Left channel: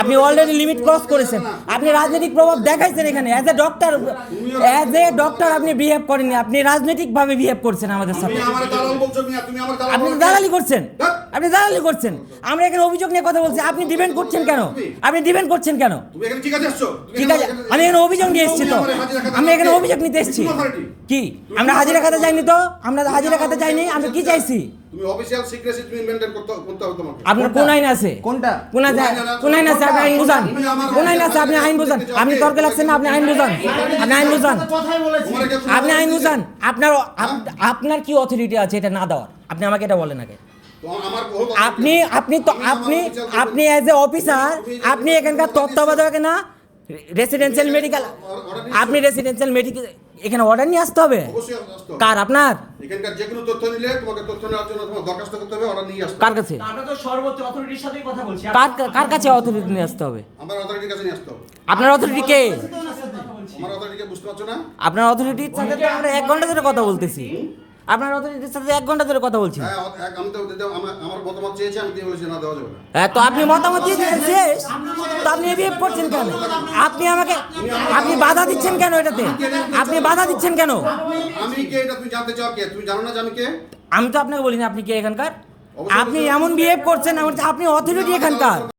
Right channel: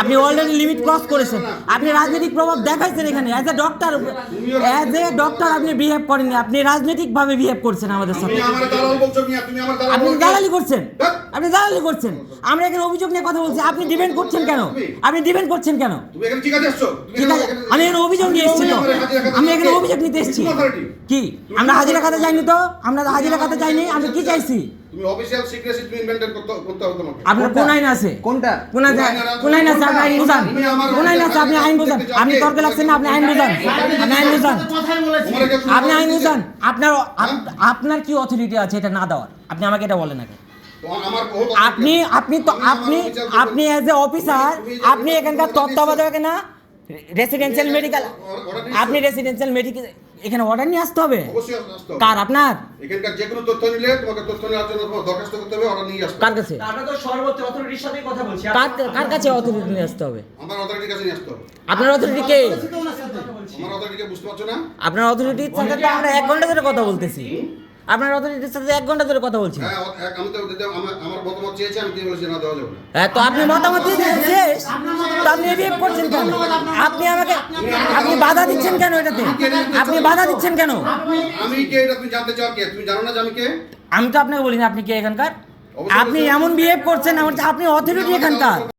আপনি already limit cross করেছেন। আপনি রাজনৈতিক প্রভাব দেখাইছেন এখানে অ্যাজ এ ডক্টর আপনি বিহেভ করেননি, আপনি রাজনৈতিকভাবে বিহেভ করছেন আমাদের সাথে। আপনি দালালি করছেন, আপনি দালালি করছেন। আমরা এখানে অভিযোগ নিয়ে কথা বলছি, আপনি ডিফেন্ড করছেন কেন? আপনি ডিফেন্ড করছেন কেন? ঠিক আছে, আমি এখানে অভিযোগ নিয়ে এসেছি তো, আমি এখানে অভিযোগ নিতে এসেছি। কি আমরা হাজিরা খাতে যাইনি তো? আমরা হাজিরা খাতে যাইনি, আমরা কি চাইছি? তুমি অফিশিয়াল সিক্রেসি তুমি মেইনটেইন করতে হবে তোমাকে। আপনার কোন আইন আছে? কোনটা? কোন আইন আছে? আপনি আইন বুঝান। কোন আইন আছে? আপনি আইন বুঝান। আপনি তর্কে লাগছেন না, আপনি আইন বুঝান। আপনি আইন বুঝান। আপনি আইন বুঝান। আপনার কি অথরিটি আছে এটা না দেওয়ার? আপনি আমাকে এটা বলেন আগে। আপনি অ্যাজ এ অফিসার আপনি এখানকার তত্ত্বাবধায়ক না রেসিডেন্সিয়াল মেডিকেল, আপনি রেসিডেন্সিয়াল মেডিকেল এখানে অর্ডার নিয়ে আসতে হবে। অবশ্যই আসতে হবে। কার? আপনার? এখানকার যে কোনো তথ্য নিলে তোমাকে তথ্য নেওয়ার জন্য তোমাকে দরখাস্ত করতে হবে, অর্ডার নিয়ে আসতে হবে। কার কাছে? আমরা তো সর্বোচ্চ অথরিটির সাথেই কথা বলছি। কার কাছে অথরিটি নিয়ে আসতে হবে? আমার অথরিটির কাছে নিয়ে আসতে হবে। আপনার অথরিটি কে? আমার অথরিটিকে বুঝতে পারছো না? আপনার অথরিটির সাথে তো আমরা 1 ঘন্টা ধরে কথা বলতেছি। আপনার অথরিটির সাথে 1 ঘন্টা ধরে কথা বলছি। হ্যাঁ, আমি তো আমার মতামত চেয়েছি, আমি দিয়ে বলেছি না দেওয়া যাবে না। হ্যাঁ, তো আপনি মতামত দিয়ে শেষ, তো আপনি রিয়েক্ট করছেন কেন? আপনি বাধা দিচ্ছেন কেন এটাতে? আপনি বাধা দিচ্ছেন কেন? আমি কে এটা তুমি জানতে চাও? কে তুমি জানো না যে আমি কে? আমি তো আপনাকে বলিনি আপনি কে এখানকার। আপনি এমন বিহেভ করছেন, আপনি অথরিটি এখানকার।